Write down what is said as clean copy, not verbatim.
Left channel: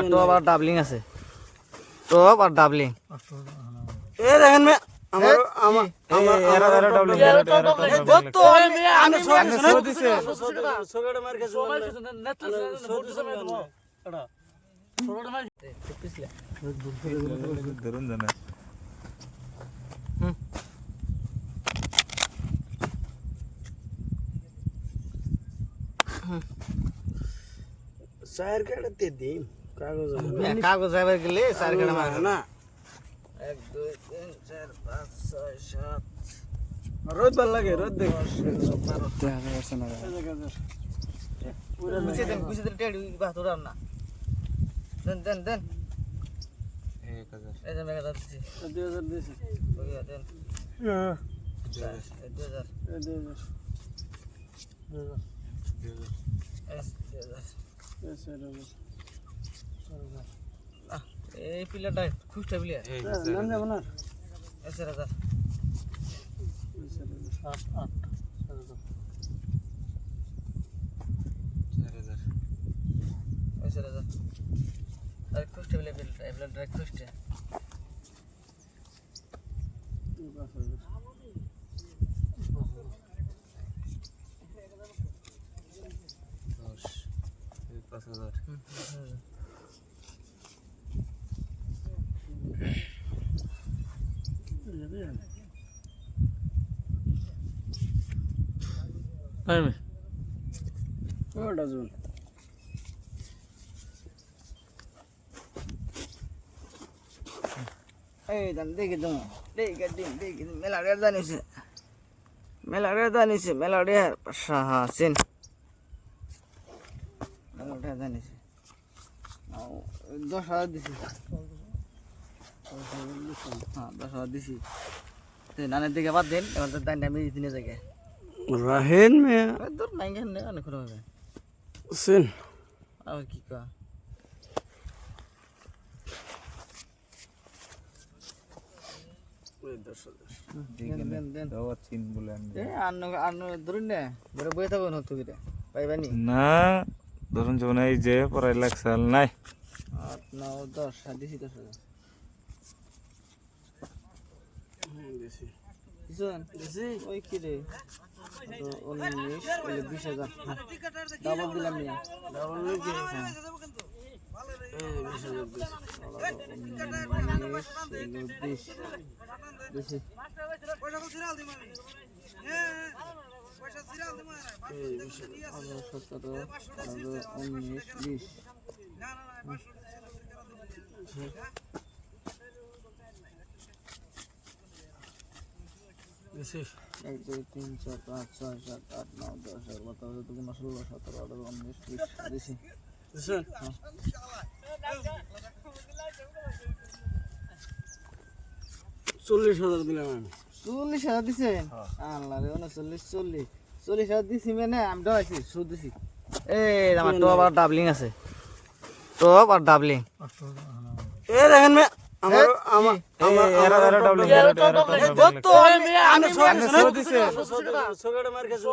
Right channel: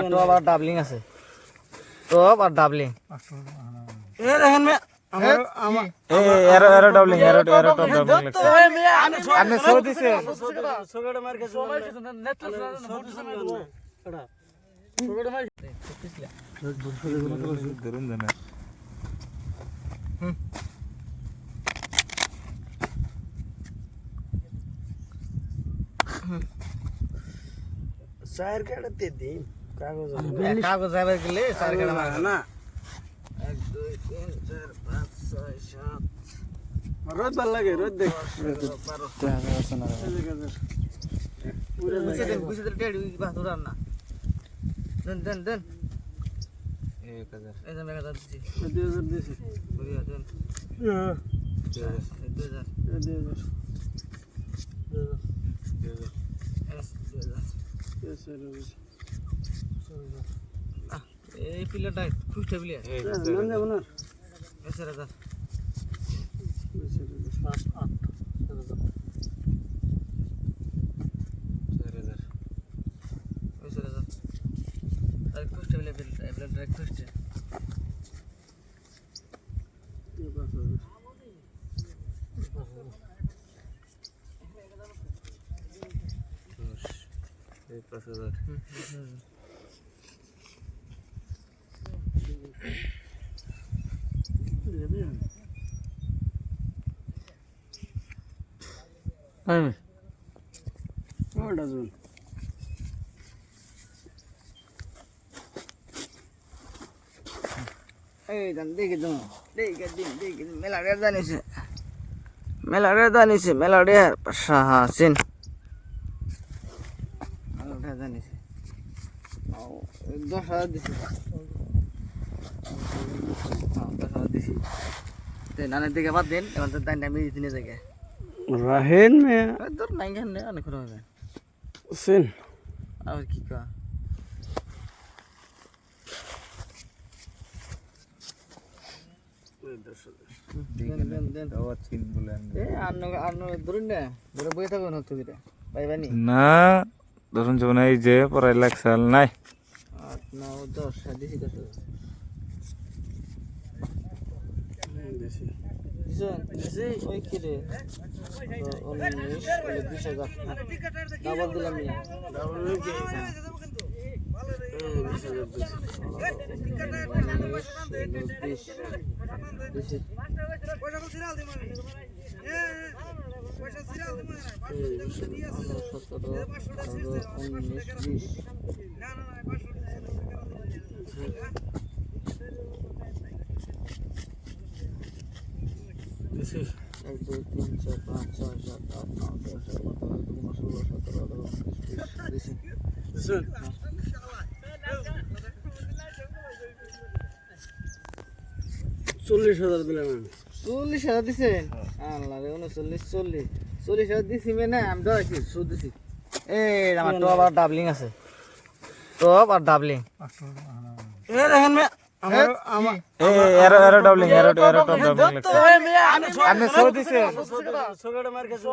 আমার তো আবার ডাবলিং আছে তো আবার ডাবলিং এ দেখেন মে আমার এরো এরো ডাবলিং এরো এরো ডাবলিং তো আপনি সো দিছে সোগড়ে মার গেছে ধরুন জানা সাইর কাটতে দে কাগজ কাগজ আবার গেলে চার কাটা মার না 1 2 3 4 5 6 7 রোদ ভাল লাগে রোদ দেখ পুরো নিচে দেন কুচি দিলে টেড়ি বাস ধরার না দেন দেন দেন 1000 এই যে মেগা দিছি 2000 দিছি বড়িয়া দেন হ্যাঁ 2000 এই পিলাটা খুশটা প্লেয়ার নাম যাব না 1000 আর খুশটা প্লেয়ার ডাইরেক্ট খুশটা এই 5000 আমি ওটা জুন এই দান দেখি তো দেখি দিন মেলাড়ে জানিছে মেলাড়ে সাহাসিন মেলাড়ে জানিছে 10,000 দিছি হ্যাঁ 10,000 দিছি তে নানের দিকে বাদ দেন এবার তো দান আমি দিনে জায়গা রাহেন মে তোর নাই কেন অনেক খরচ হবে সেন আর কি কা দেন দাওয়াত চিন বলেন এ আন্ন ধরুন না ধরে বই থাকবেন হতো কিটা পাইবানি না ধরুন যখন এই যে পড়াই লাগছাল নাই 8 9 10 দিছি 10,000 দিছি ওই কি রে তো 19 ওই 20,000 ডাবল দিলাম না ডাবল কি দিছি 1 2 3 4 5 6 7 8 9 10 11 12 13 16 17 18 19 20 দিছি দিছেন 40,000 দিলাম আমি 40,000 দিছেন আল্লাহ রে 39 40,000 দিছি মানে আমি ধরাইছি সুদ দিছি এই আমার তো আবার ডাবলিং আছে তো আবার ডাবলিং এ দেখেন মে আমার এরো এরো ডাবলিং এরো ডাবলিং তো আপনি সো দিছে সোগড়ে মার গেছে